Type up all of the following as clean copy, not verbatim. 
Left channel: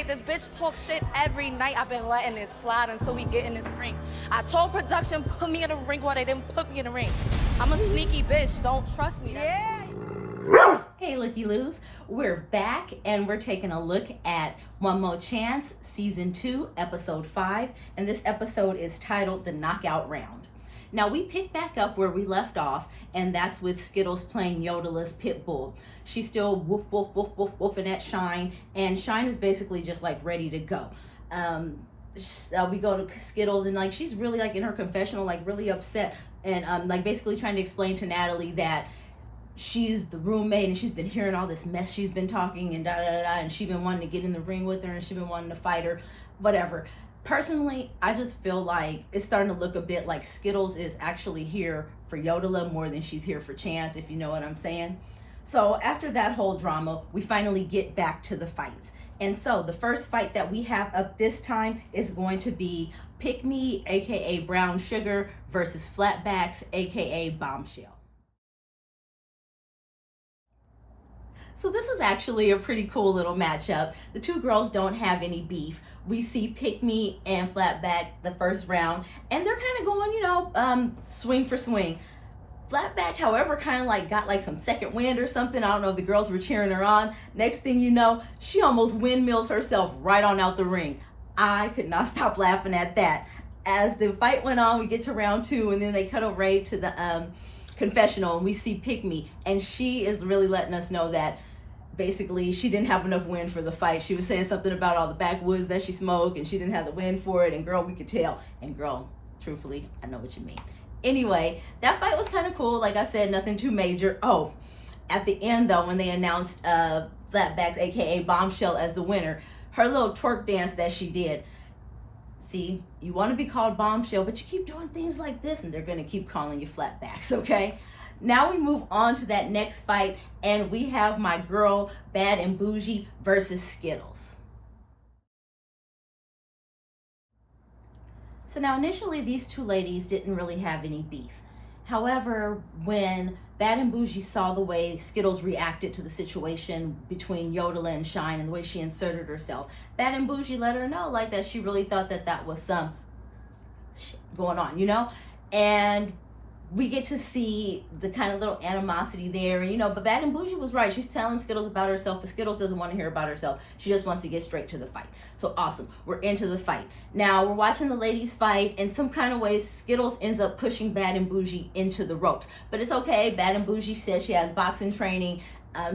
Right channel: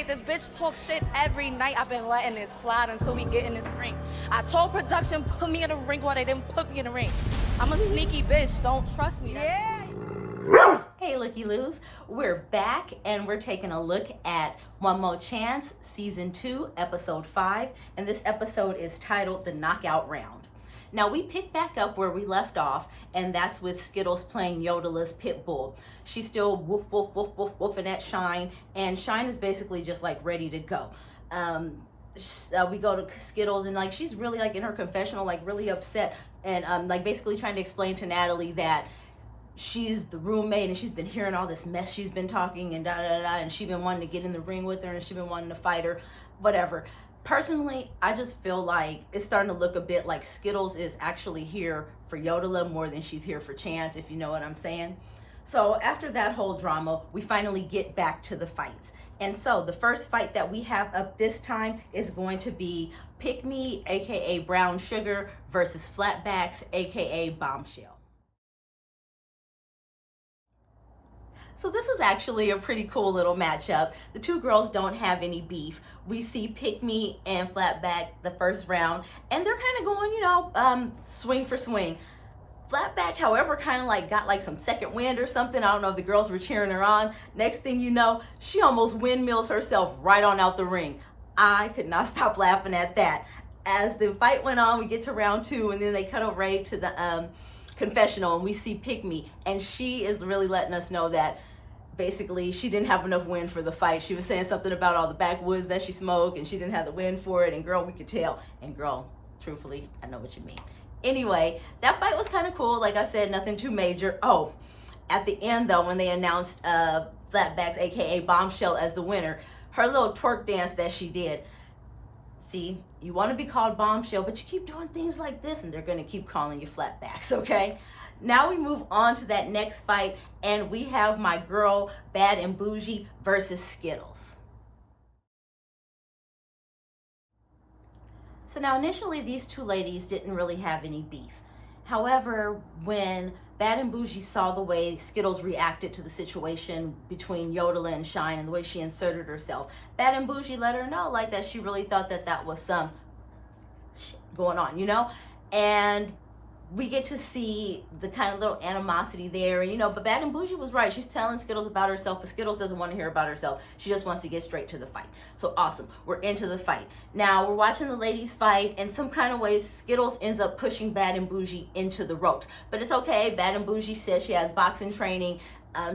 night. This bitch talk shit every night. I've been letting it slide until we get in this ring. I told production, put me in the ring while they didn't put me in the ring. I'm a sneaky bitch. Don't trust me. Yeah. Hey, Looky Loos. We're back and we're taking a look at One Mo' Chance, Season 2, Episode 5. And this episode is titled The Knockout Round. Now, we pick back up where we left off, and that's with Skittles playing Yodela's Pitbull. She's still woof, woof, woof, woof, woofing at Shine, and Shine is basically just like ready to go. We go to Skittles, and like she's really like in her confessional, like really upset, and like basically trying to explain to Natalie that she's the roommate and she's been hearing all this mess she's been talking and and she's been wanting to get in the ring with her and she's been wanting to fight her, whatever. Personally, I just feel like it's starting to look a bit like Skittles is actually here for Yodela more than she's here for Chance, if you know what I'm saying. So after that whole drama, we finally get back to the fights. And so the first fight that we have up this time is going to be Pick Me, aka Brown Sugar, versus Flatbacks, aka Bombshell. So this was actually a pretty cool little matchup. The two girls don't have any beef. We see Pick Me and Flatback the first round, and they're kind of going, swing for swing. Flatback, however, kind of like got like some second wind or something. I don't know if the girls were cheering her on. Next thing you know, she almost windmills herself right on out the ring. I could not stop laughing at that. As the fight went on, we get to round 2, and then they cut away to the confessional, and we see Pick Me, and she is really letting us know that basically she didn't have enough wind for the fight. She was saying something about all the backwoods that she smoked and she didn't have the wind for it, and girl, we could tell. And girl, truthfully, I know what you mean. Anyway, that fight was kind of cool. Like I said, nothing too major. Oh, at the end though, when they announced Flatbacks, aka Bombshell, as the winner, her little twerk dance that she did. See, you want to be called Bombshell, but you keep doing things like this and they're going to keep calling you Flatbacks, okay? Now we move on to that next fight, and we have my girl Bad and Bougie versus Skittles. So now initially these two ladies didn't really have any beef. However, when Bad and Bougie saw the way Skittles reacted to the situation between Yodela and Shine and the way she inserted herself, Bad and Bougie let her know like that she really thought that that was some shit going on, and we get to see the kind of little animosity there, but Bad and Bougie was right. She's telling Skittles about herself, but Skittles doesn't want to hear about herself. She just wants to get straight to the fight. So awesome, we're into the fight. Now we're watching the ladies fight. In some kind of ways, Skittles ends up pushing Bad and Bougie into the ropes, but it's okay. Bad and Bougie says she has boxing training.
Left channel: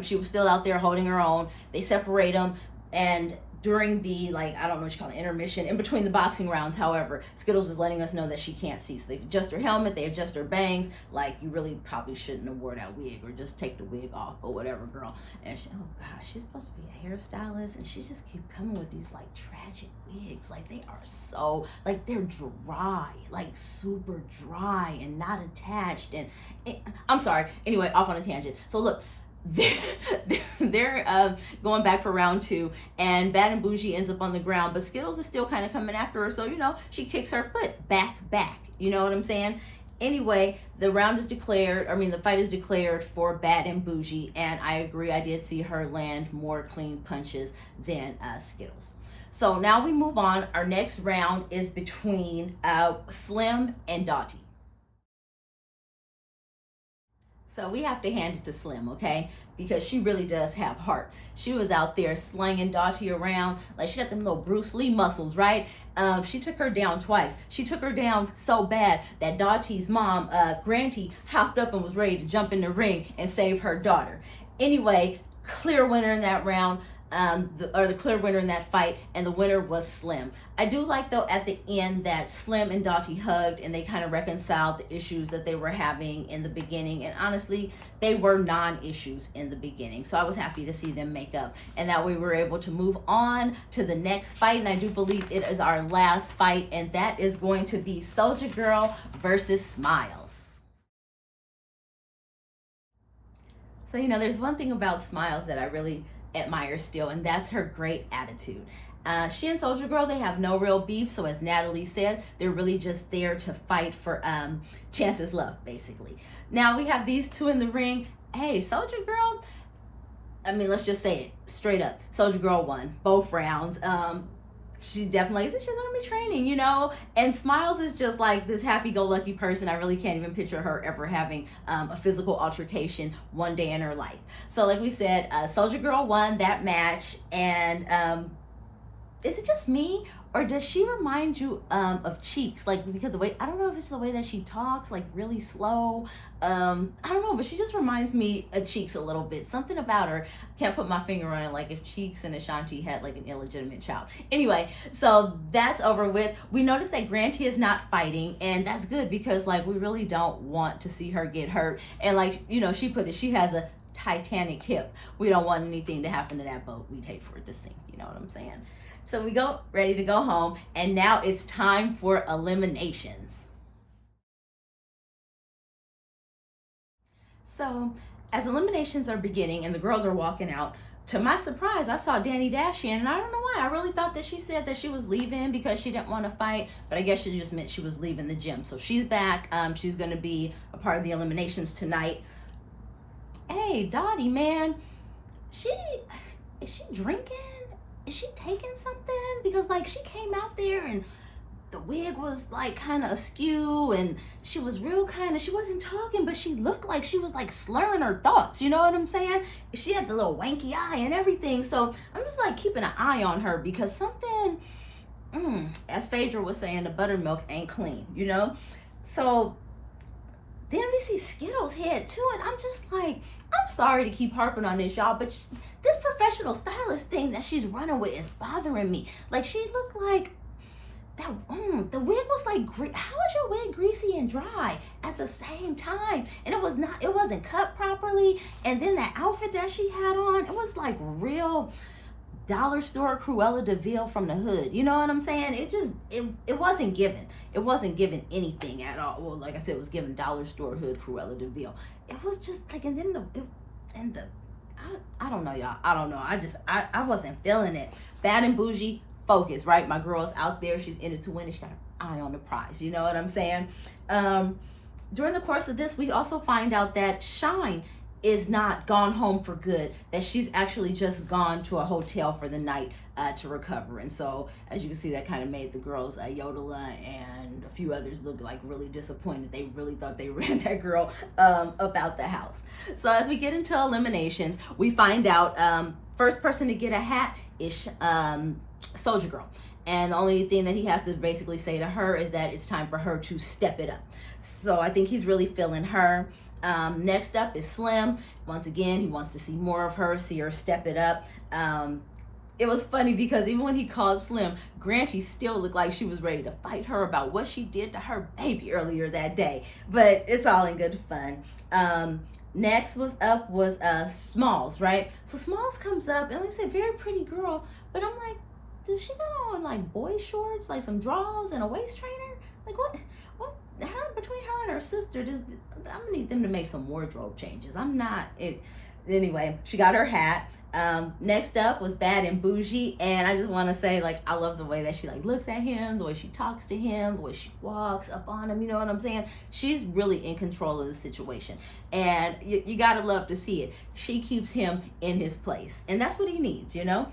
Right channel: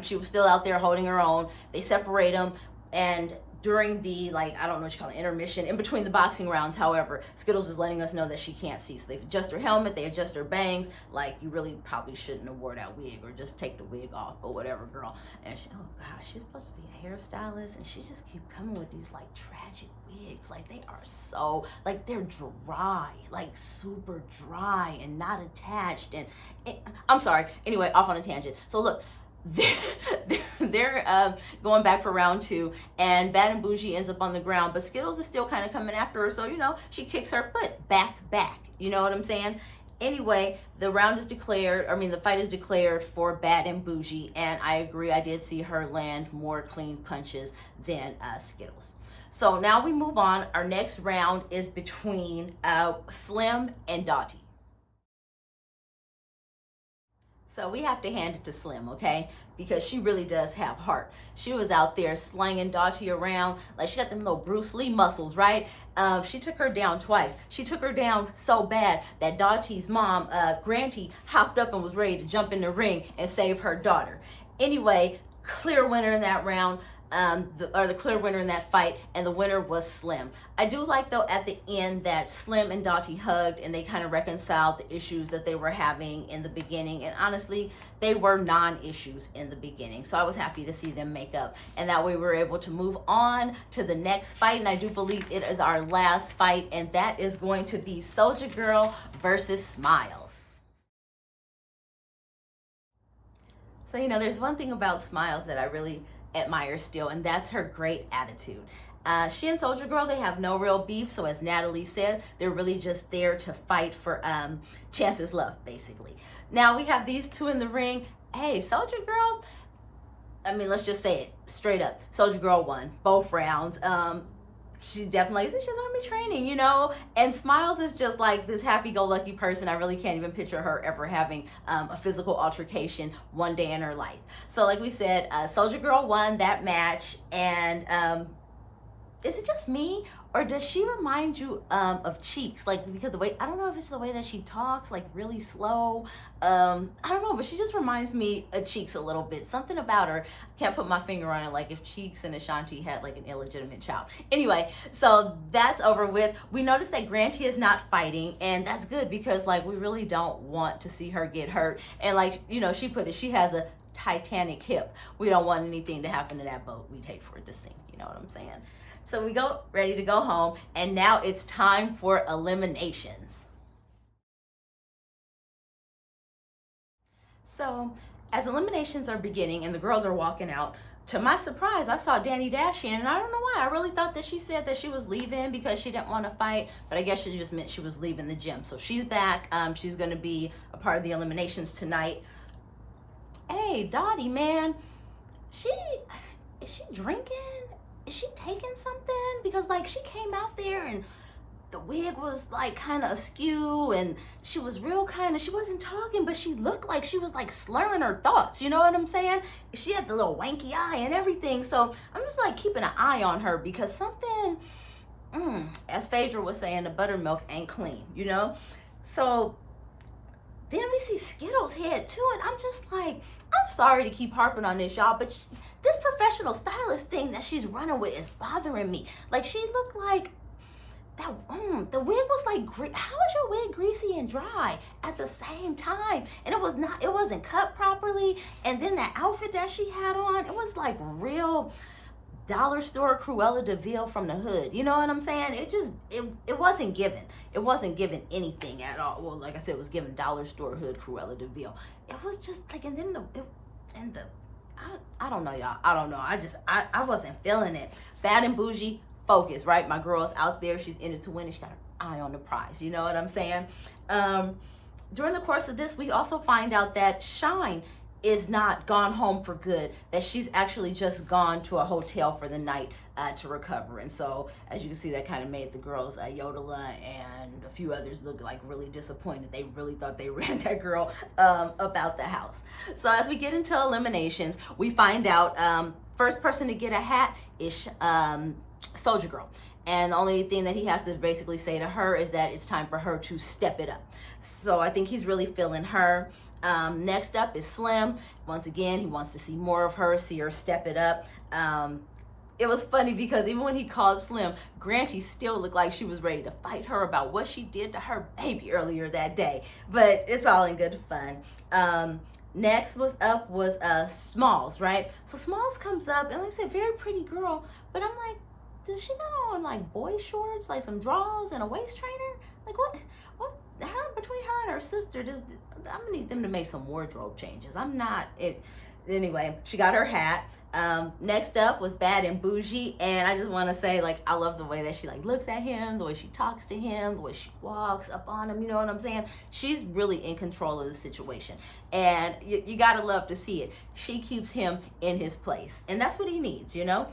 She was still out there holding her own. They separate them, and during the, I don't know what you call it, intermission, in between the boxing rounds, however, Skittles is letting us know that she can't see. So they adjust her helmet, they adjust her bangs, like you really probably shouldn't have wore that wig, or just take the wig off, or whatever, girl. And she, oh gosh, she's supposed to be a hairstylist, and she just keep coming with these tragic wigs. Like they are so, they're dry, super dry and not attached. And I'm sorry, anyway, off on a tangent. So look, they're going back for round 2, and Bad and Bougie ends up on the ground, but Skittles is still kind of coming after her, so she kicks her foot back, you know what I'm saying? Anyway, the fight is declared for Bad and Bougie, and I agree, I did see her land more clean punches than Skittles. So now we move on. Our next round is between Slim and Dottie. So we have to hand it to Slim, okay? Because she really does have heart. She was out there slinging Dottie around. She got them little Bruce Lee muscles, right? She took her down twice. She took her down so bad that Dottie's mom, Granty, hopped up and was ready to jump in the ring and save her daughter. Anyway, clear winner in that round. The clear winner in that fight, and the winner was Slim. I do like, though, at the end that Slim and Dottie hugged and they kind of reconciled the issues that they were having in the beginning, and honestly, they were non-issues in the beginning, so I was happy to see them make up, and that way we were able to move on to the next fight, and I do believe it is our last fight, and that is going to be Soulja Girl versus Smiles. So, there's one thing about Smiles that I really admire still, and that's her great attitude. She and Soulja Girl, they have no real beef, so as Natalie said, they're really just there to fight for Chance's love, basically. Now we have these two in the ring. Hey, Soulja Girl, I mean, let's just say it straight up. Soldier Girl won both rounds. She definitely said she's army training, you know. And Smiles is just like this happy-go-lucky person. I really can't even picture her ever having a physical altercation one day in her life. So, like we said, Soldier Girl won that match. And is it just me, or does she remind you of Cheeks? Like, because the way, I don't know if it's the way that she talks, like really slow. I don't know, but she just reminds me of Cheeks a little bit. Something about her, can't put my finger on it, like if Cheeks and Ashanti had like an illegitimate child. Anyway, so that's over with. We noticed that Granty is not fighting, and that's good because like we really don't want to see her get hurt. And like, you know, she put it, she has a Titanic hip. We don't want anything to happen to that boat. We'd hate for it to sink, you know what I'm saying? So we go ready to go home, and now it's time for eliminations. So as eliminations are beginning and the girls are walking out, to my surprise, I saw Danny Dashian, and I don't know why. I really thought that she said that she was leaving because she didn't want to fight, but I guess she just meant she was leaving the gym. So she's back. She's going to be a part of the eliminations tonight. Hey, Dottie, man, is she drinking? Is she taking something? Because like she came out there and the wig was like kind of askew and she was real kind of, she wasn't talking, but she looked like she was like slurring her thoughts, you know what I'm saying? She had the little wanky eye and everything. So I'm just like keeping an eye on her because something, as Phaedra was saying, the buttermilk ain't clean, you know? So then we see Skittles head to it. I'm just like, I'm sorry to keep harping on this, y'all, but this professional stylist thing that she's running with is bothering me. Like, she looked like that, the wig was like, how is your wig greasy and dry at the same time? And it wasn't cut properly. And then that outfit that she had on, it was like real dollar store Cruella de Vil from the hood. You know what I'm saying? It wasn't given. It wasn't given anything at all. Well, like I said, it was given dollar store hood Cruella de Vil. It was just like, and then I don't know, y'all. I don't know. I wasn't feeling it. Bad and Bougie, focus, right? My girl's out there. She's in it to win, and she got her eye on the prize. You know what I'm saying? During the course of this, we also find out that Shine is not gone home for good, that she's actually just gone to a hotel for the night to recover. And so, as you can see, that kind of made the girls, Yodelah and a few others, look like really disappointed. They really thought they ran that girl about the house. So as we get into eliminations, we find out first person to get a hat is Soldier Girl. And the only thing that he has to basically say to her is that it's time for her to step it up. So I think he's really feeling her. Next up is Slim. Once again, he wants to see more of her, see her step it up. It was funny because even when he called Slim, Granty still looked like she was ready to fight her about what she did to her baby earlier that day. But it's all in good fun. Next was Smalls, right? So Smalls comes up, and like I said, very pretty girl. But I'm like, dude, she got on like boy shorts, like some drawers and a waist trainer? Like what? Between her and her sister, I'm gonna need them to make some wardrobe changes. I'm not it. Anyway, she got her hat. Next up was Bad and Bougie, and I just want to say, like, I love the way that she like looks at him, the way she talks to him, the way she walks up on him. You know what I'm saying? She's really in control of the situation, and you gotta love to see it. She keeps him in his place, and that's what he needs, you know.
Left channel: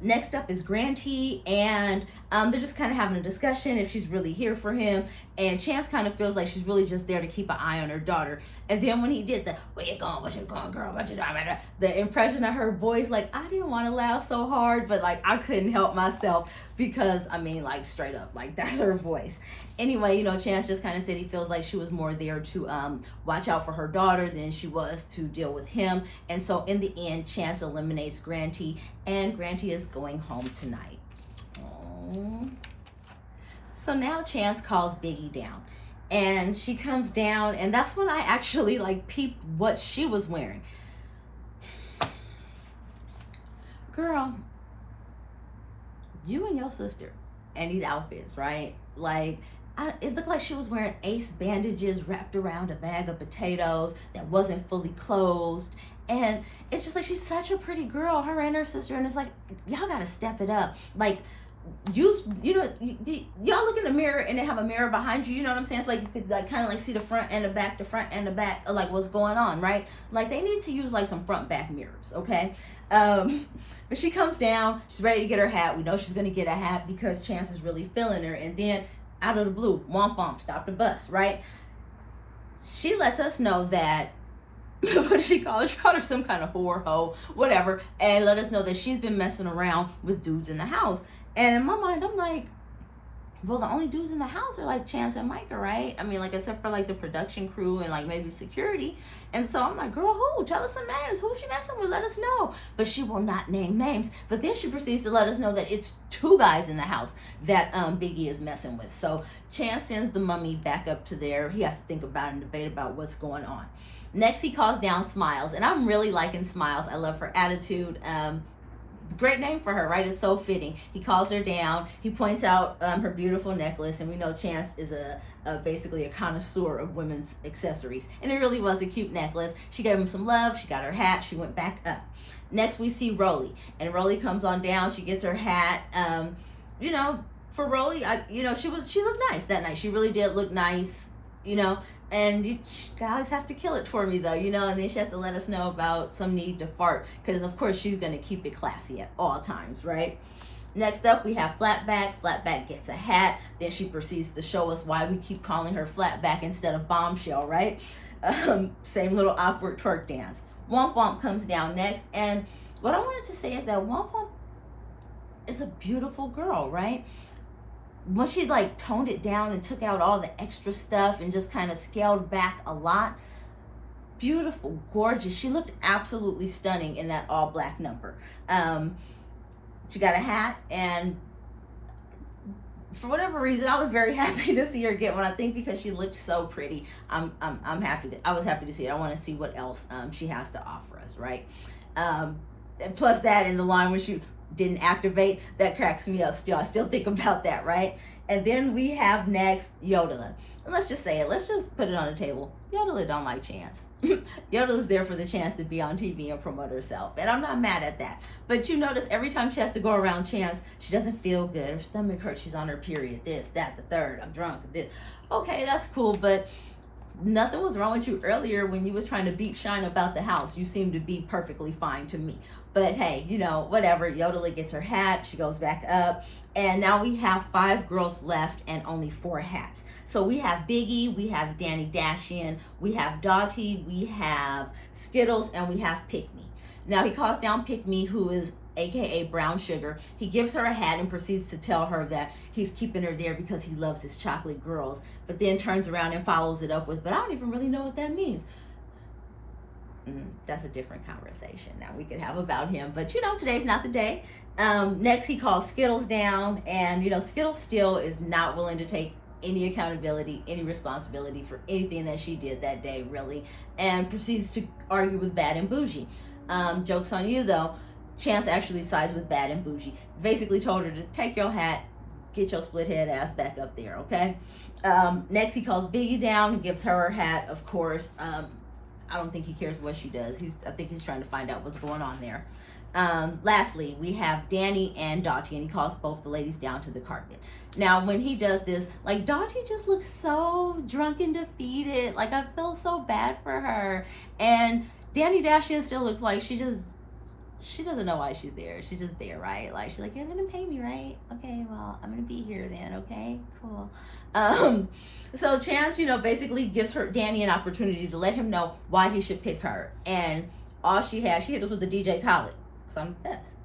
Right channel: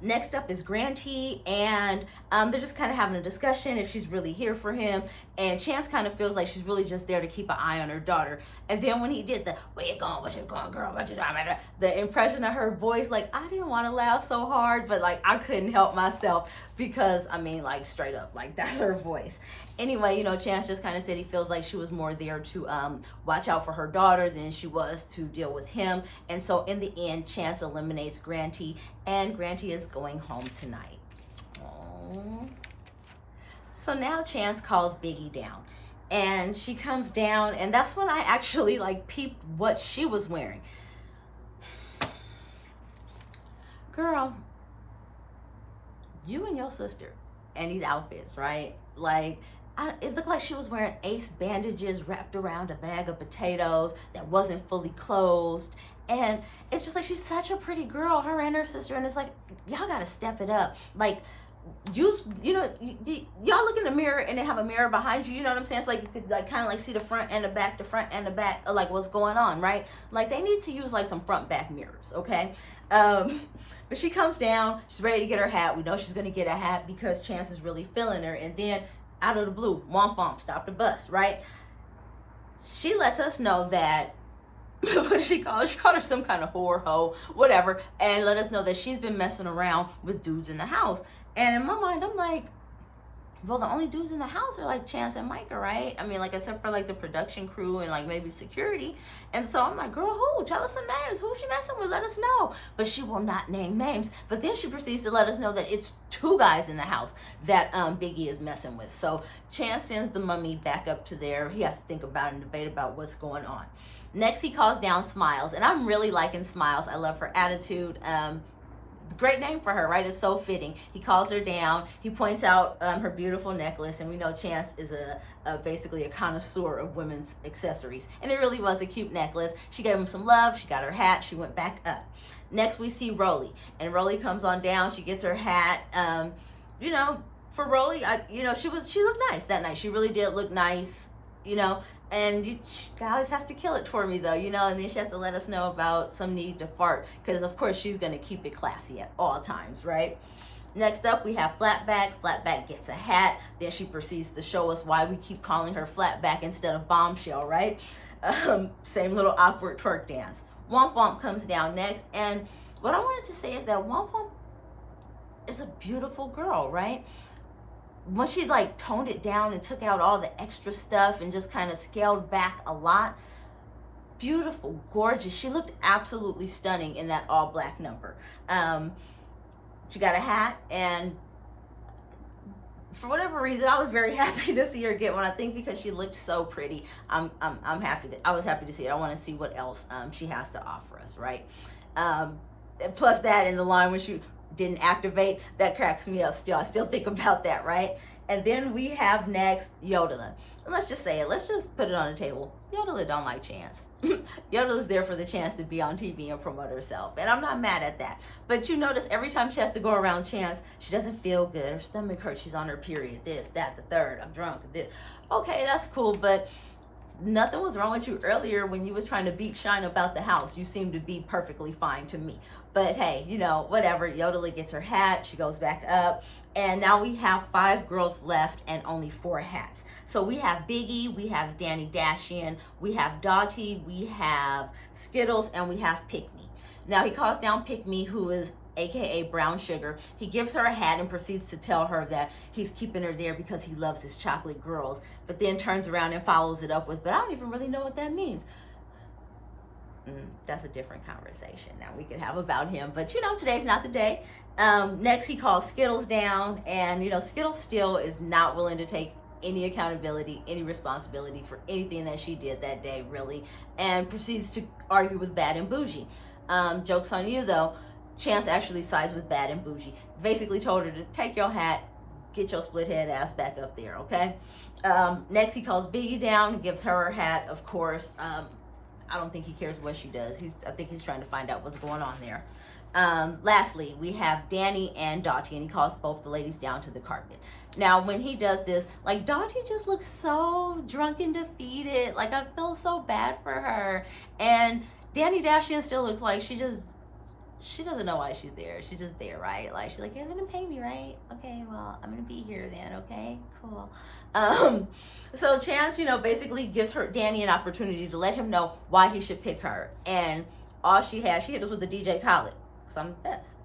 Next up is Granty, and they're just kind of having a discussion if she's really here for him, and Chance kind of feels like she's really just there to keep an eye on her daughter. And then when he did the where you going, what you going, girl, what you doing, the impression of her voice, like, I didn't want to laugh so hard, but like I couldn't help myself because I mean, like, straight up, like, that's her voice. Anyway, you know, Chance just kind of said he feels like she was more there to watch out for her daughter than she was to deal with him. And so in the end, Chance eliminates Granty, and Granty is going home tonight. Aww. So now Chance calls Biggie down, and she comes down, and that's when I actually like peeped what she was wearing. Girl, you and your sister and these outfits, right? Like, it looked like she was wearing Ace bandages wrapped around a bag of potatoes that wasn't fully closed. And it's just like, she's such a pretty girl, her and her sister. And it's like, y'all gotta step it up. Like, use, y'all look in the mirror and they have a mirror behind you, you know what I'm saying? So like you could like kind of like see the front and the back of like what's going on, right? Like they need to use like some front back mirrors, okay? But she comes down, she's ready to get her hat. We know she's gonna get a hat because Chance is really feeling her. And then out of the blue, womp womp, stop the bus, right? She lets us know that what did she call her? She called her some kind of whore, hoe, whatever, and let us know that she's been messing around with dudes in the house. And in my mind, I'm like, well, the only dudes in the house are like Chance and Micah, right? I mean, like, except for like the production crew and like maybe security. And so I'm like, girl, who? Tell us some names. Who's she messing with? Let us know. But she will not name names. But then she proceeds to let us know that it's 2 guys in the house that Biggie is messing with. So Chance sends the mummy back up to there. He has to think about and debate about what's going on. Next, he calls down Smiles. And I'm really liking Smiles. I love her attitude. Great name for her, right? It's so fitting. He calls her down. He points out her beautiful necklace, and we know Chance is basically a connoisseur of women's accessories, and it really was a cute necklace. She gave him some love. She got her hat. She went back up. Next, we see Rolly, and Rolly comes on down. She gets her hat. For Rolly, she looked nice that night. She really did look nice. And she always has to kill it for me, though, and then she has to let us know about some need to fart, because, of course, she's going to keep it classy at all times, right? Next up, we have Flatback. Flatback gets a hat. Then she proceeds to show us why we keep calling her Flatback instead of Bombshell, right? Same little awkward twerk dance. Womp Womp comes down next, and what I wanted to say is that Womp Womp is a beautiful girl, right? When she like toned it down and took out all the extra stuff and just kind of scaled back a lot, beautiful, gorgeous. She looked absolutely stunning in that all black number. She got a hat, and for whatever reason, I was very happy to see her get one. I think because she looked so pretty. I was happy to see it. I want to see what else she has to offer us, right? And plus that in the line when she didn't activate, that cracks me up still. I still think about that, right? And then we have next Yodeling. And let's just say it. Let's just put it on the table. Yodeling don't like Chance. Yodeling's there for the chance to be on TV and promote herself. And I'm not mad at that. But you notice every time she has to go around Chance, she doesn't feel good. Her stomach hurts. She's on her period. This, that, the third. I'm drunk. This. Okay, that's cool. But nothing was wrong with you earlier when you was trying to beat Shine about the house. You seem to be perfectly fine to me. But hey, whatever. Yodeling gets her hat. She goes back up. And now we have 5 girls left and only 4 hats. So we have Biggie, we have Danny Dashian, we have Dottie, we have Skittles, and we have Pick Me. Now he calls down Pick Me, who is AKA Brown Sugar. He gives her a hat and proceeds to tell her that he's keeping her there because he loves his chocolate girls. But then turns around and follows it up with, but I don't even really know what that means. That's a different conversation now we could have about him. But today's not the day. Next he calls Skittles down, and Skittles still is not willing to take any accountability, any responsibility for anything that she did that day, really, and proceeds to argue with Bad and Bougie. Joke's on you though, Chance actually sides with Bad and Bougie. Basically told her to take your hat, get your split head ass back up there, okay? Next he calls Biggie down, gives her her hat, of course. I don't think he cares what she does. I think he's trying to find out what's going on there. Lastly, we have Danny and Dottie, and he calls both the ladies down to the carpet. Now, when he does this, like, Dottie just looks so drunk and defeated. Like, I feel so bad for her. And Danny Dashian still looks like she doesn't know why she's there. She's just there, right? Like, she's like, you're gonna pay me, right? Okay, well, I'm gonna be here then, okay? Cool. So Chance, basically gives Danny an opportunity to let him know why he should pick her. And all she hit us with the DJ Khaled, because I'm the best,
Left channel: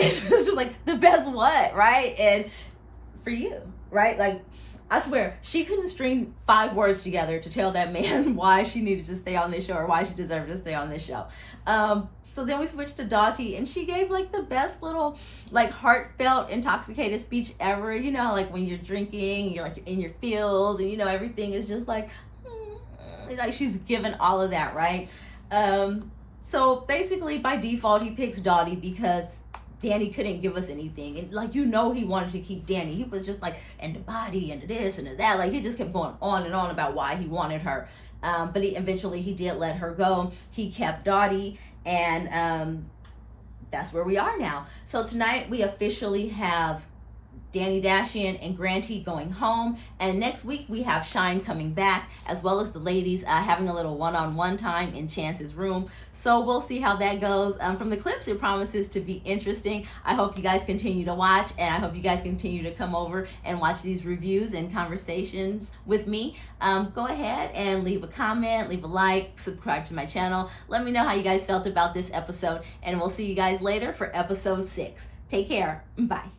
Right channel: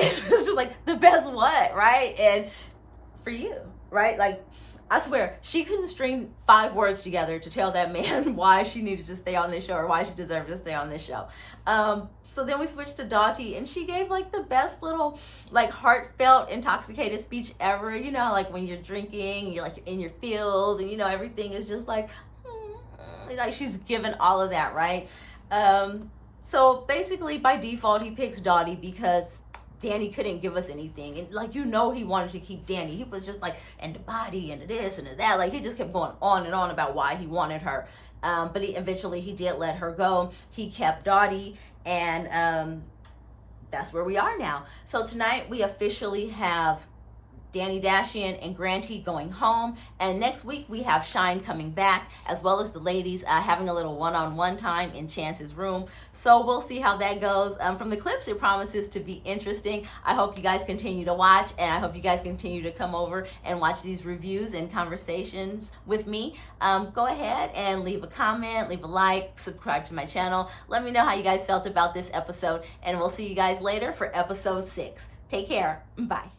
It was just like, the best what, right? And for you, right? Like, I swear, she couldn't string 5 words together to tell that man why she needed to stay on this show or why she deserved to stay on this show. So then we switched to Dottie, and she gave like the best little like heartfelt intoxicated speech ever. Like when you're drinking, you're like in your feels, and everything is just like she's given all of that, right? So basically by default he picks Dottie because Danny couldn't give us anything, and he wanted to keep Danny. He was just like, and the body and the this and the that, like he just kept going on and on about why he wanted her. But eventually he did let her go. He kept Dottie, and that's where we are now. So tonight we officially have Danny Dashian and Granty going home, and next week we have Shine coming back, as well as the ladies having a little one-on-one time in Chance's room. So we'll see how that goes. From the clips, it promises to be interesting. I hope you guys continue to watch, and I hope you guys continue to come over and watch these reviews and conversations with me. Go ahead and leave a comment, leave a like, subscribe to my channel. Let me know how you guys felt about this episode, and we'll see you guys later for episode 6. Take care. Bye.